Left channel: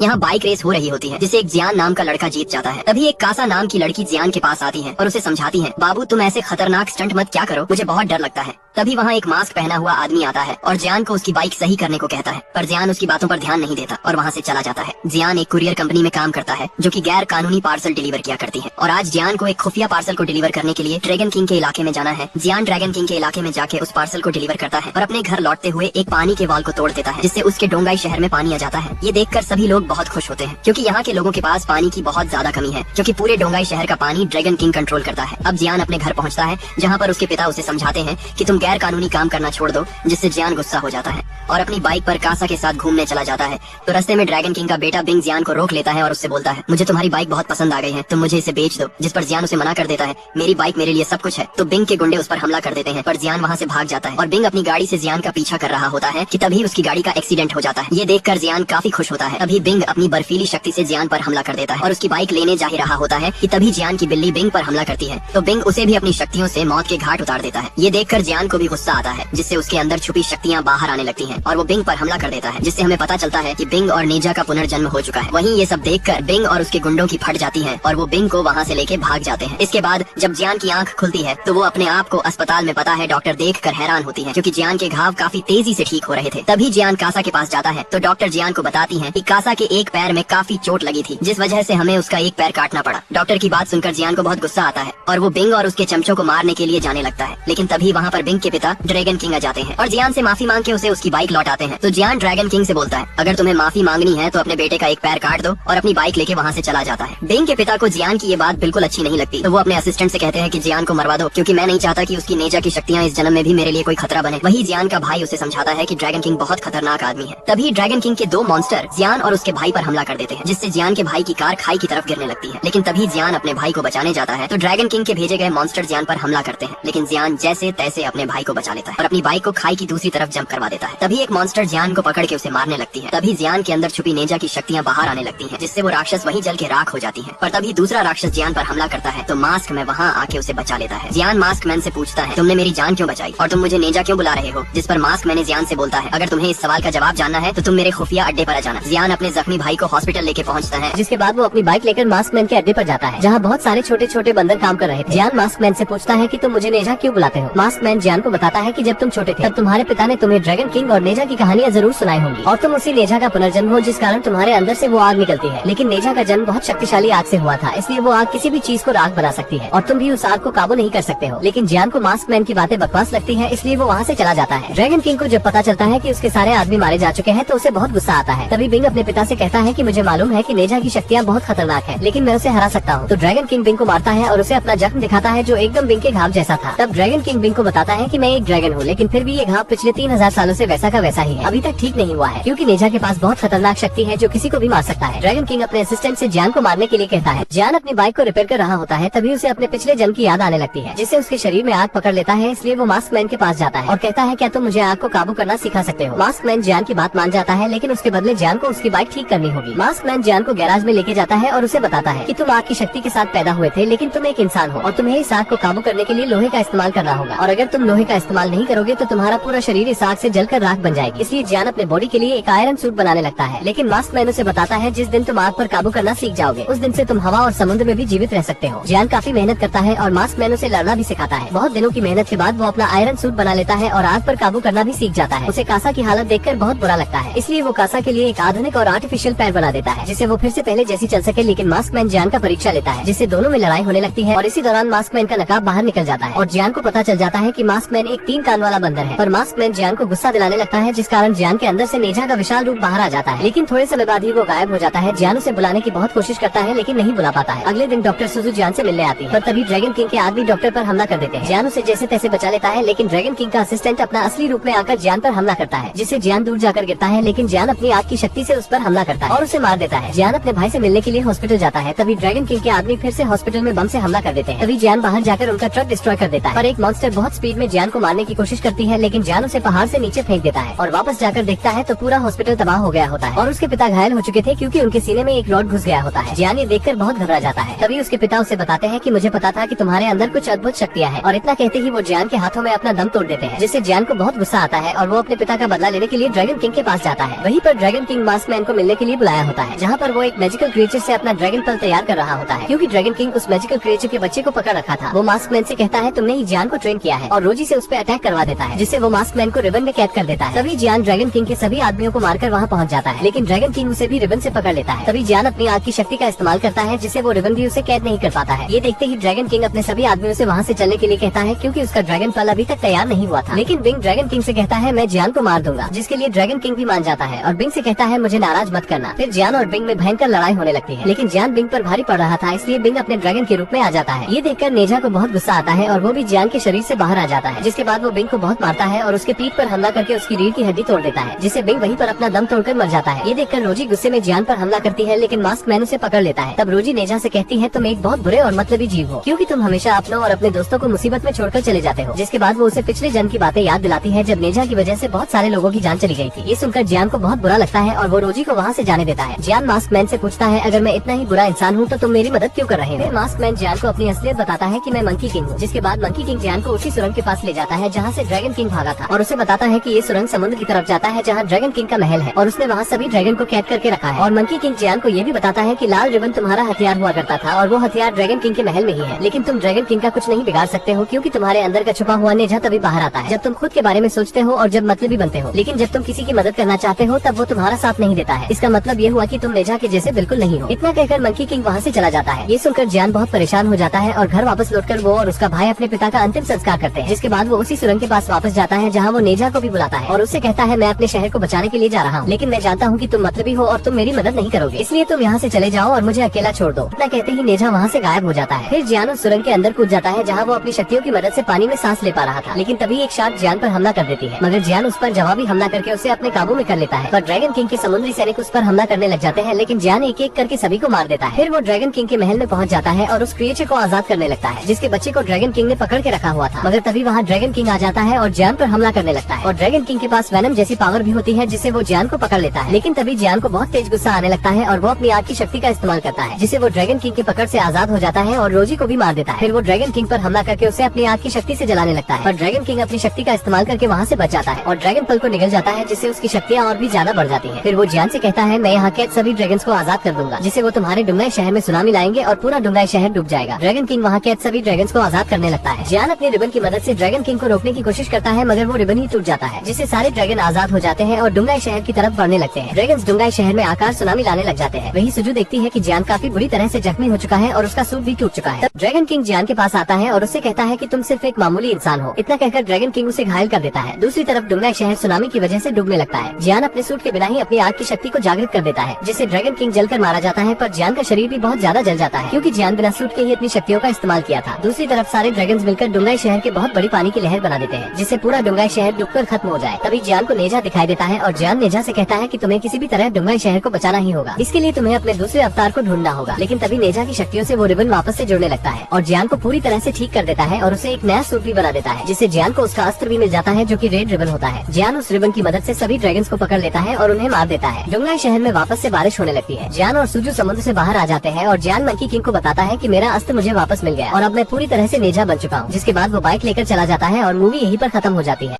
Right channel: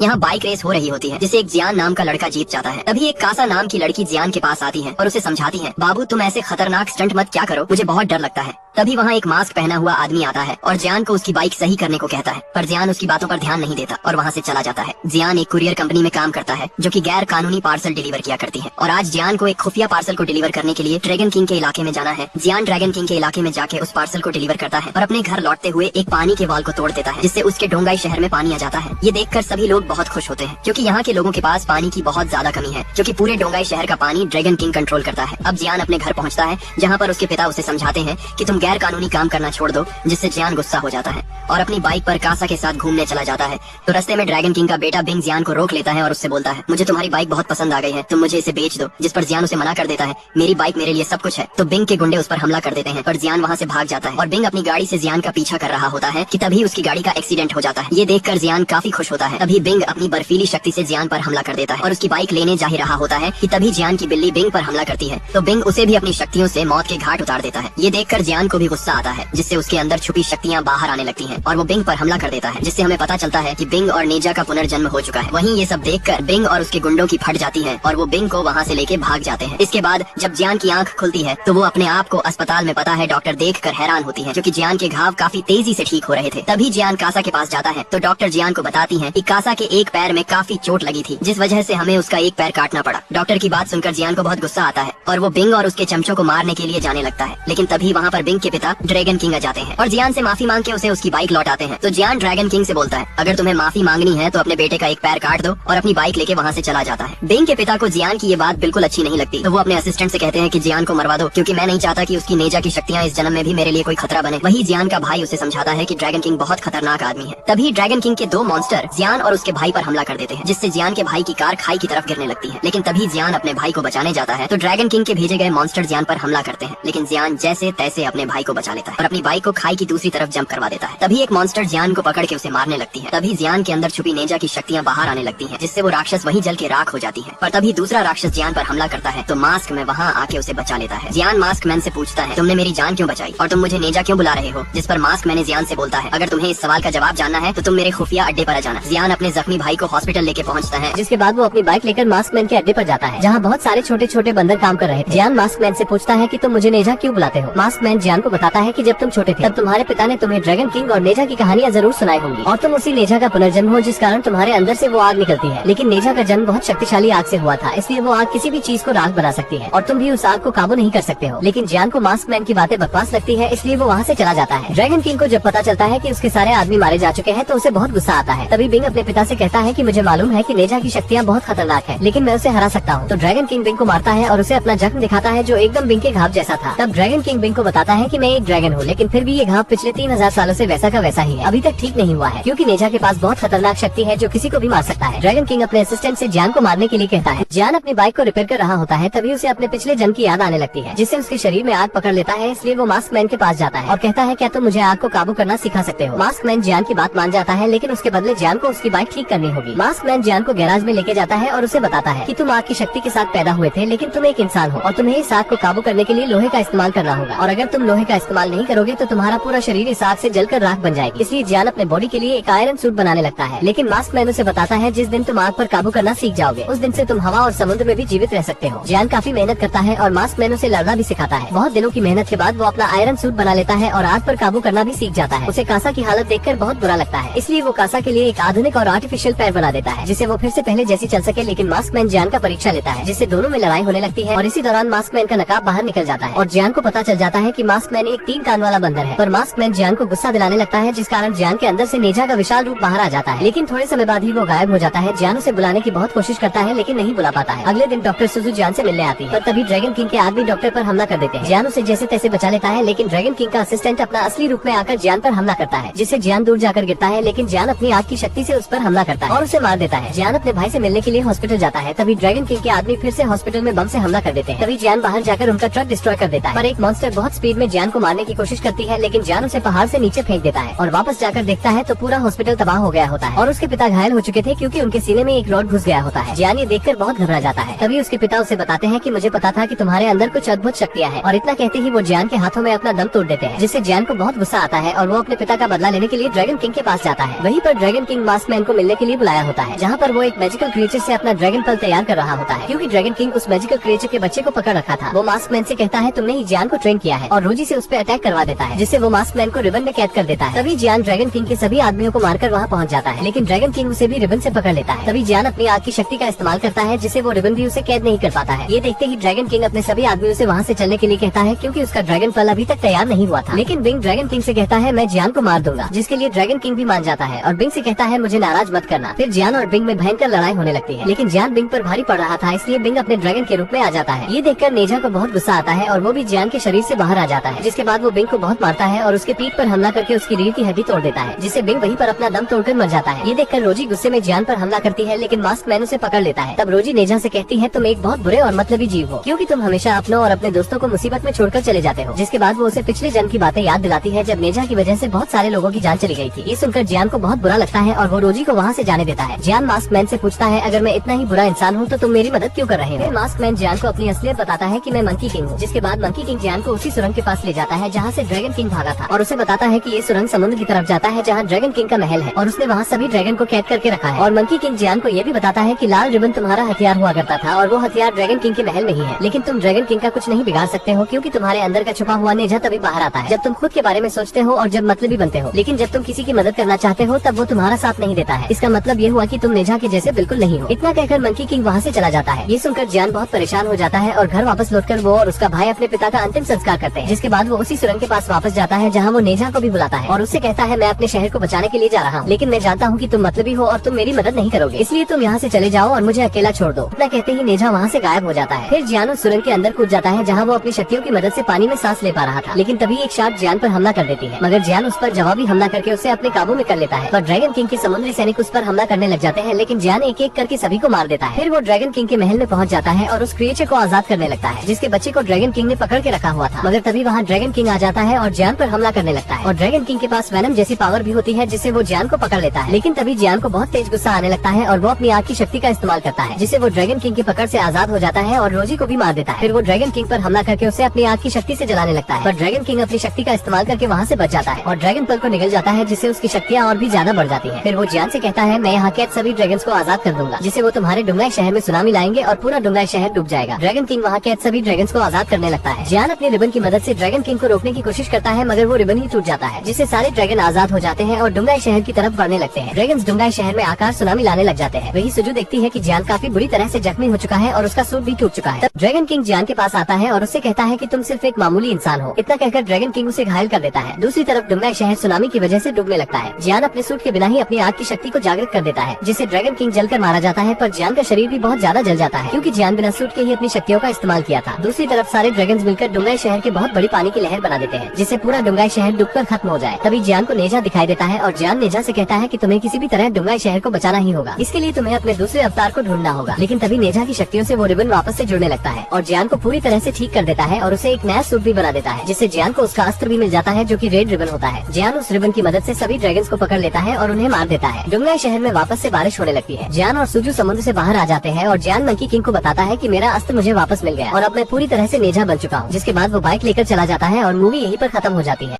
यहाँ bike race हो रही होती है जिसे एक जियान नाम का लड़का जीत जाता है। तभी एक कासा नाम की लड़की जियान के पास आती है और उसे समझाती है, बाबू तुम ऐसे खतरनाक स्टंट मत क्या करो, मुझे बहुत डर लगता है। तभी वहाँ एक मास्क पहना हुआ आदमी आता है और जियान को उसकी बाइक सही करने को कहता है, पर जियान उसकी बातों पर ध्यान नहीं देता और वहाँ से चला जाता है। जियान एक कुरियर कंपनी में काम करता है जो कि गैर कानूनी पार्सल डिलीवर किया करती है और आज जियान को एक खुफिया पार्सल को डिलीवर करने के लिए ड्रैगन किंग के इलाके में जाना है। जियान ड्रैगन किंग के इलाके में जाके उस पार्सल को डिलीवर करता है और अपने घर लौटते हुए एक पानी के वाल को तोड़ देता है जिससे उसके डोंगाई शहर में पानी आ जाता है। ये देखकर सभी लोग बहुत खुश होते हैं क्योंकि यहाँ के लोगों के पास पानी की बहुत ज्यादा कमी है, क्योंकि पूरे डोंगाई शहर का पानी ड्रैगन किंग कंट्रोल करता है। अब जियान अपने घर पहुँचता है जहाँ पर उसके पिता उसे समझाते हैं कि तुम गैर कानूनी काम करना छोड़ दो, जिससे जियान गुस्सा हो जाता है और अपनी बाइक पर कासा के साथ घूमने चला जाता है। तो रास्ते में ड्रैगन किंग का बेटा बिंग जियान को रोक लेता है और उससे बोलता है, मुझे तुम्हारी बाइक बहुत पसंद आ गई है, तुम मुझे इसे बेच दो। जिस पर जियान उसे मना कर देता है, मेरी बाइक मेरे लिए सब कुछ है। तो बिंग के गुंडे उस पर हमला कर देते हैं पर जियान वहाँ से भाग जाता है और बिंग अपनी गाड़ी से जियान का पीछा कर रहा होता है कि तभी उसकी गाड़ी का एक्सीडेंट हो जाता है। ये देखकर जियान काफी खुश होता है। तभी बिंग अपनी बर्फीली शक्ति से जियान पर हमला कर देता है और उसकी बाइक लेने जा ही रहा होता है कि तभी जियान की बिल्ली बिंग पर हमला करती है। तो बिंग उसे भी अपनी शक्तियों से मौत के घाट उतार देता है। ये देखकर जियान को भी गुस्सा आता है जिससे उसके अंदर छुपी शक्तियाँ बाहर आने लगती हैं और वो बिंग पर हमला कर देता है, जिससे हमें पता चलता है कि बिंग और नेजा का पुनर्जन्म हो चुका है। वहीं ये सब देखकर बिंग और उसके गुंडों की फट जाती है और वो बिंग को वहाँ से लेके भाग जाते हैं। इसके बाद जब जियान की आंख खुलती है तो वो अपने आप को अस्पताल में पता है डॉक्टर देखकर हैरान होती है क्योंकि जियान के घाव काफी तेजी से ठीक हो रहे थे। तभी जियान कासा के पास जाता है तो डॉक्टर जियान को बताती है कि कासा के एक पैर में काफी चोट लगी थी, जिस वजह से हमें उसका एक पैर काटना पड़ा। डॉक्टर की बात सुनकर जियान को बहुत गुस्सा आता है और वो बिंग और उसके चमचों को मारने के लिए जाने लगता है, लेकिन तभी वहाँ पर बिंग के पिता ड्रैगन किंग आ जाते हैं और जियान से माफी मांग के उसे उसकी बाइक लौटाते हैं। तो जियान ड्रैगन किंग से बोलता है, अगर तुम्हें माफी मांगनी है तो अपने बेटे का एक पैर काट दो, और अपनी बाइक लेके वहाँ से चला जाता है। बिंग के पिता को जियान की ये बात बिल्कुल अच्छी नहीं लगती तो वो अपने असिस्टेंट से कहते हैं कि जियान को मरवा दो, क्योंकि मैं नहीं चाहता कि उसकी नेजा की शक्तियाँ इस जन्म में भी मेरे लिए कोई खतरा बने। वही जियान का भाई उसे समझाता है कि ड्रैगन किंग बहुत खतरनाक आदमी है। तभी ड्रैगन किंग के दो मॉन्स्टर जियान और उसके भाई पर हमला कर देते हैं, जिससे जियान के भाई की कार खाई की तरफ गिरने लगती है। लेकिन तभी जियान अपने भाई को बचाने जाता है तो ड्रैगन किंग के भेजे गए मॉन्स्टर जियान पर हमला करते हैं, लेकिन जियान जैसे तैसे अपने भाई को बचा लेता है और अपनी बाइक को खाई की दूसरी तरफ जंप करवा देता है। तभी एक मॉन्स्टर जियान को पकड़ के उसे मारने लगती है। तभी जियान के अंदर छुपी नेजा की शक्तियाँ बाहर आने लगती हैं, जिससे वो राक्षस वहीं जल के राख हो जाती है। पर तभी दूसरा राक्षस जियान पर हमला करता है तो मास्क मैन वहाँ आके उसे बचा लेता है। जियान मास्क मैन से पूछता है, तुमने मेरी जान क्यों बचाई और तुम मुझे नेजा क्यों बुला रहे हो? जिस पर मास्क मैन जियान से बोलता है, अगर तुम्हें इस सवाल का जवाब जानना है तो तुम मेरे खुफिया अड्डे पर जाना। जियान अपने जख्मी भाई को हॉस्पिटल लेके पहुँचता है, जिसके बाद वो अपनी बाइक लेकर मास्क मैन के अड्डे पर जाता है जहाँ बहुत सारे छोटे छोटे बंदर काम कर रहे थे। जियान मास्क मैन से पूछता है कि तुम मुझे नेजा क्यों बुलाते हो? मास्क मैन जियान को बताता है कि जब तुम छोटे थे तब तुम्हारे पिता ने तुम्हें ड्रैगन किंग और नेजा की कहानियाँ जरूर सुनाई होंगी और तुम उसी नेजा का पुनर्जन्म हो जिस कारण तुम्हारे अंदर से वो आग निकलती है। लेकिन नेजा का जन्म बहुत शक्तिशाली आग से हुआ था, इसलिए वो आग किसी भी चीज को राख बना सकती है और तुम भी उस आग को काबू नहीं कर सकते हो। लेकिन जियान को मास्क मैन की बातें बकवास लगती है, इसलिए वो वहाँ से चला जाता है। ड्रैगन किंग को जब पता चलता है कि उसके सारे आदमी मारे जा चुके हैं तो उसे बहुत गुस्सा आता है। तभी बिंग अपने पिता से कहता है कि मुझे मालूम है कि नेजा की शक्तियाँ बहुत खतरनाक है, लेकिन मैं उसे हरा सकता हूँ। तो ड्रैगन किंग बिंग को मारता है और उसे अपना जख्म दिखाता है जो एकदम बिंग के घाव जैसा था। तब ड्रैगन किंग बिंग को बताता है कि मैं एक ड्रैगन हूँ, लेकिन फिर भी ये घाव पिछले 3000 सालों से वैसा का वैसा ही है, अभी तक ठीक नहीं हुआ है, क्योंकि नेजा के पास बहुत खतरनाक शक्ति है जो किसी को भी मार सकता है। ड्रैगन किंग अपने असिस्टेंट से जियान को मारने के लिए कहता है। जियान अपनी बाइक को रिपेयर कर रहा होता है, तभी उसे अपने पिछले जन्म की याद आने लगती है, जिससे उसके शरीर में आग पकड़ लेता है। इसलिए वो मास्क मैन के पास जाता है और कहता है, क्या तुम मुझे आग को काबू करना सिखा सकते हो? मास्क मैन जियान की बात मान जाता है, लेकिन उसके बदले जियान को उसकी बाइक ठीक करनी होगी। मास्क मैन जियान को गैराज में लेके जाता है और उसे बताता है कि तुम आग की शक्ति के साथ पैदा हुए थे, लेकिन तुम एक इंसान हो और तुम्हें इस आग को काबू करने के लिए लोहे का इस्तेमाल करना होगा, और अगर तुम लोहे का इस्तेमाल नहीं करोगे तो तुम्हारा पूरा शरीर इस आग से जलकर राख बन जाएगी। इसलिए जियान अपने बॉडी के लिए एक आयरन सूट बनाने लगता है। लेकिन मास्क मैन उसे बताता है, जिस दिन तुम आग पर काबू करना सीख जाओगे उस दिन से तुम हवा और समुद्र में भी जीवित रह सकते हो। जियान काफी मेहनत करता है और मास्क मैन उसे लड़ना भी सिखाता है। बहुत दिनों की मेहनत के बाद वो अपना आयरन सूट बना लेता है और आग पर काबू करना भी सीख जाता है। उसे कासा की हालत देखकर बहुत बुरा लगता है, इसलिए वो कासा के लिए एक आधुनिक और आर्टिफिशियल पैर बना देता है, जिससे वो फिर से पहले जैसी चल सके। लेकिन मास्क मैन जियान का परीक्षा लेता है, जिससे दोनों में लड़ाई होने लगती है और इसी दौरान मास्क मैन का नकाब बाहर निकल जाता है और जियान को पता चल जाता है कि मास्क मैन एक 3 कान वाला बंदर है। पर मास्क मैन जियान को गुस्सा दिलाने लगता है, जिस कारण जियान के अंदर से नेजा का विशाल रूप बाहर आ जाता है। लेकिन थोड़े समय बाद ही वो गायब हो जाता है। जियान उसे बुलाने की बहुत कोशिश करता है, लेकिन नहीं बुला पाता है। अगले दिन डॉक्टर सुजू जियान से मिलने आती है, पर तभी ड्रैगन किंग के आदमी डॉक्टर पर हमला कर देते हैं। जियान उसे जैसे तैसे बचा लेता है, लेकिन ड्रैगन किंग का असिस्टेंट अपना असली रूप में आकर जियान पर हमला करता है, जिससे जियान दूर जाकर गिरता है। लेकिन जियान अपनी आग की शक्ति से उस पर हमला करता है और उसे मार देता है। जियान अपने भाई से मिलने के लिए हॉस्पिटल जाता है, तभी ड्रैगन किंग के आदमी फिर से हॉस्पिटल में बम से हमला कर देते हैं। तभी जियान बाहर जाकर उनका ट्रक डिस्ट्रॉय कर देता है, पर एक मॉन्स्टर बहुत स्पीड में जियान को मारने की कोशिश करती है, लेकिन जियान उसे पहाड़ से नीचे फेंक देता है और वापस जाकर देखता है तो पूरा हॉस्पिटल तबाह हो गया होता है और उसके पिता घायल हो चुके थे क्योंकि उनके सीने में एक रॉड घुस गया होता है। जियान ये देखकर बहुत घबरा जाता है। तभी उसके पिता उसे बताते हैं कि मुझे पता था कि तुम्हारे अंदर कुछ अद्भुत शक्तियाँ हैं, और इतना कहते ही वो जियान के हाथों में अपना दम तोड़ देते हैं, जिससे जियान को बहुत गुस्सा आता है और वो अपने पिता का बदला लेने के लिए ड्रैगन किंग के पास जाता है। वहीं पर ड्रैगन किंग मास्क मैन को मिलने मिलने के लिए बुलाया होता है, जहाँ पर वो एक मैजिकल क्रिएचर से अपना ड्रैगन फल तैयार कर रहा होता है, क्योंकि ड्रैगन किंग उस मैजिकल क्रिएचर के बच्चे को पकड़ रखा था। वो मास्क मैन से कहता है तुमने ही जियान को ट्रेन किया है और रोजी से उस पर अटैक करवा देता है, जिससे वो मास्क मैन को रिबन में कैद कर देता है। तभी जियान ड्रैगन किंग के सभी आदमियों को मारकर वहाँ पहुँच जाता है, लेकिन ड्रैगन किंग उसे भी रिबन से पकड़ लेता है। तभी जियान अपनी आग की शक्ति का इस्तेमाल करता है, जिससे वो रिबन भी उसे कैद नहीं कर पाता है। ये देखते ही ड्रैगन किंग अपने सभी आदमियों से वहाँ से चलने के लिए कहता है, क्योंकि उसका ड्रैगन फल अभी तक तैयार नहीं हुआ था। लेकिन बिंग ड्रैगन किंग से कहता है मैं जियान को मार दूंगा, जिसके लिए ड्रैगन किंग भी मान जाता है और बिंग से कहता है मुझे नाराज मत करना। फिर जियान और बिंग में भयंकर लड़ाई होने लगती है, लेकिन जियान बिंग पर भारी पड़ रहा था, इसलिए बिंग अपने ड्रैगन के रूप में आ जाता है। ये देखकर नेजा को बहुत गुस्सा आता है और वो भी जियान के शरीर से बाहर आ जाता है, जिसके बाद वो बिंग को बहुत मारता है और उसके पीठ पर हमला करके उसकी रीढ़ की हड्डी तोड़ देता है, जिससे बिंग वहीं पर अपना दम तोड़कर मर जाता है। ये देखकर रोजी गुस्से में जियान पर हमला करती है, लेकिन मास्क मैन उसे पकड़ लेता है। तब रोजी नेजा से कहती है तुम एक बहुत बुरे और मतलबी जीव हो, क्योंकि तुम हमेशा अपनों और अपने दोस्तों को मुसीबत में छोड़कर चले जाते हो। जिसके बाद वो उसे पिछले जन्म की बातें याद दिलाती है, जब नेजा की वजह से बहुत सारे लोगों की जान चली गई थी। ये सुनकर जियान को बहुत बुरा लगता है और वो रोजी को वहाँ से जाने देता है। जियान मास्क मैन से पूछता है अगर मैं इतना ही बुरा इंसान हूँ तो तुम मेरी मदद क्यों कर रहे हो। फिर मास्क मैन जियान को अपनी असलियत बताता है कि मैं मंकी किंग हूँ। जिसके बाद मंकी किंग जियान को उसी सुरंग के पास ले जाता है जहाँ से ड्रैगन किंग भागा था और उसे बताता है कि ये सुरंग समुद्र की तरफ जाता है जहाँ ड्रैगन किंग का महल है और उसने वहाँ सभी ड्रैगन को कैद करके रखा है। और मंकी किंग जियान को ये भी बताता है कि लाल रिबन तुम्हारा हथियार हुआ करता था और वो हथियार ड्रैगन किंग के महल में ही है, लेकिन तुम ड्रैगन किंग का कुछ नहीं बिगाड़ सकते हो, क्योंकि तुम्हारे अंदर का छुपा हुआ नेजा तभी बाहर आता है जब तुम खुद के बारे में सोचते हो और जब मतलबी बनते हो। लेकिन जब तुम किसी की मदद करना चाहते हो तब वो तुम्हारा साथ नहीं देता है। इसका मतलब ये हुआ कि तुम नेजा के जैसे बिल्कुल नहीं हो। इतना कहकर मंकी किंग वहाँ से चला जाता है। ये सुनकर जियान बहुत परेशान हो जाता है और घर वापस लौटकर वो और उसका भाई अपने पिता का अंतिम संस्कार करते हैं। जिसके बाद वो उसी सुरंग के पास वापस जाता है जहाँ वो नेजा को भी बुलाता है और उससे कहता है मैं अपने शहर को बचाने के लिए जा रहा हूँ, लेकिन मैं जानता हूँ कि तुम मतलबी हो और तुम मेरी मदद नहीं करोगे, इसलिए तुम यहाँ से चले जाओ और मुझे अकेला छोड़ दो। इतना कहते ही नेजा वहाँ से गायब हो जाता है। फिर जियान उस सुरंग के अंदर कूद जाता है जहाँ वो अपनी शक्तियों की मदद से पानी में सांस ले पा रहा था, लेकिन तभी एक शार्क जियान पर हमला कर देती है, मगर जियान उस पर जवाबी हमला करके उसे अपने काबू में कर लेता है। पर ड्रैगन किंग के समुद्री सैनिक उस पर हमला करने लग जाते हैं, लेकिन जियान एक एक करके सभी को मार देता है। फिर वो ड्रैगन किंग के महल में पहुंच जाता है और उस क्रिएचर को आजाद करने लगता है, जिसके बच्चे को ड्रैगन किंग ने पकड़ के रखा हुआ था। मगर तभी वहाँ ड्रैगन किंग आ जाता है और जियान पर हमला करने लगता है और ड्रैगन किंग के पास वेनम जैसी पावर भी होती है, जिससे वो जियान को पकड़ लेता है। लेकिन तभी जियान को बहुत तेज गुस्सा आने लगता है और वो अपनी आग की शक्ति का इस्तेमाल करता है, जिससे वो ड्रैगन किंग की पकड़ से आजाद हो जाता है और रोजी को भी मार देता है। फिर वो ड्रैगन किंग पर हमला करके उसे अपनी आग की शक्ति से जलाने लगता है, पर ड्रैगन किंग अपनी शक्ति का इस्तेमाल करके वहाँ से बच जाता है और ड्रैगन पल को निकल जाता है, जिससे उसकी शक्तियाँ और भी ज्यादा बढ़ जाती है। फिर वो जियान से कहता है मैं यहाँ के सभी ड्रैगन्स को आजाद कर दूंगा, जिससे वो तुम्हारे डुंगाई शहर में सुनामी लाएंगे और पूरा डुंगाई शहर डूब जाएगा। ड्रैगन किंग वहाँ कैद सभी ड्रैगन्स को आजाद करने लगता है। जियान अपने रिबन की मदद से ड्रैगन किंग को रोकने की कोशिश करता है, मगर वो रिबन ही टूट जाता है, जिससे सारे ड्रैगन आजाद हो जाते हैं और डुंगाई शहर की तरफ बढ़ने लगते हैं। ड्रैगन्स डुंगाई शहर में आकार सुनामी लाने लग जाते हैं। वही सुजू देखती है कि जियान काफी बुरी तरह से जख्मी हो चुका है और उसका सूट भी टूट चुका है। तब ड्रैगन किंग जियान के पास आता है और उससे कहता है कि तुम सिर्फ एक मामूली इंसान हो। इतना कहकर ड्रैगन किंग उसे घायल कर देता है। दूसरी तरफ डुंगाई शहर सुनामी की वजह से डूबने लगता है। जियान अपने सूट के बिना ही अपनी आग की शक्ति को जागृत कर देता है, जिससे ड्रैगन किंग जलकर मारा जाता है, पर जियान का शरीर भी बहुत ज्यादा जल जाता है, क्योंकि जियान बिना सूट के ही अपनी शक्तियों का इस्तेमाल किया था। दूसरी तरफ सारे ड्रैगन्स मिलकर डुंगाई शहर के बहुत बड़ी पानी की लहर बना देते हैं, जिससे पूरा डुंगाई शहर डूबकर खत्म हो जाए। तभी जियान को नेजा दिखाई देता है और जियान नेजा से कहता है कि तुम्हें किसी भी तरह डुंगाई शहर को बचाना ही होगा। इसके लिए तुम्हें अपने दूसरे अवतार को ढूंढना होगा। लेकिन तभी नेजा की शक्तियों से वो रिबन वापस से जुड़ने लगता है और जियान को पूरी तरह से ठीक कर देता है और उसे एक नया सूट भी बना देता है, जिससे जियान को उसका अस्त्र भी मिल जाता है जो कि रेड रिबन होता है। जियान उस रिबन की मदद से सभी ड्रैगन्स को पकड़ लेता है और उन्हें मार देता है। डुंगाई शहर में वापस से बारिश होने लगती है। जियान और सुजू समुद्र से बाहर आ जाते हैं और जियान मंकी किंग को बताता है कि मेरा अस्त्र मुझे वापस मिल गया और अब मैं पूरी तरह से नेजा बन चुका हूँ। जिसके बाद वो बाइक लेकर चला जाता है और मूवी यहीं पर खत्म हो जाती है।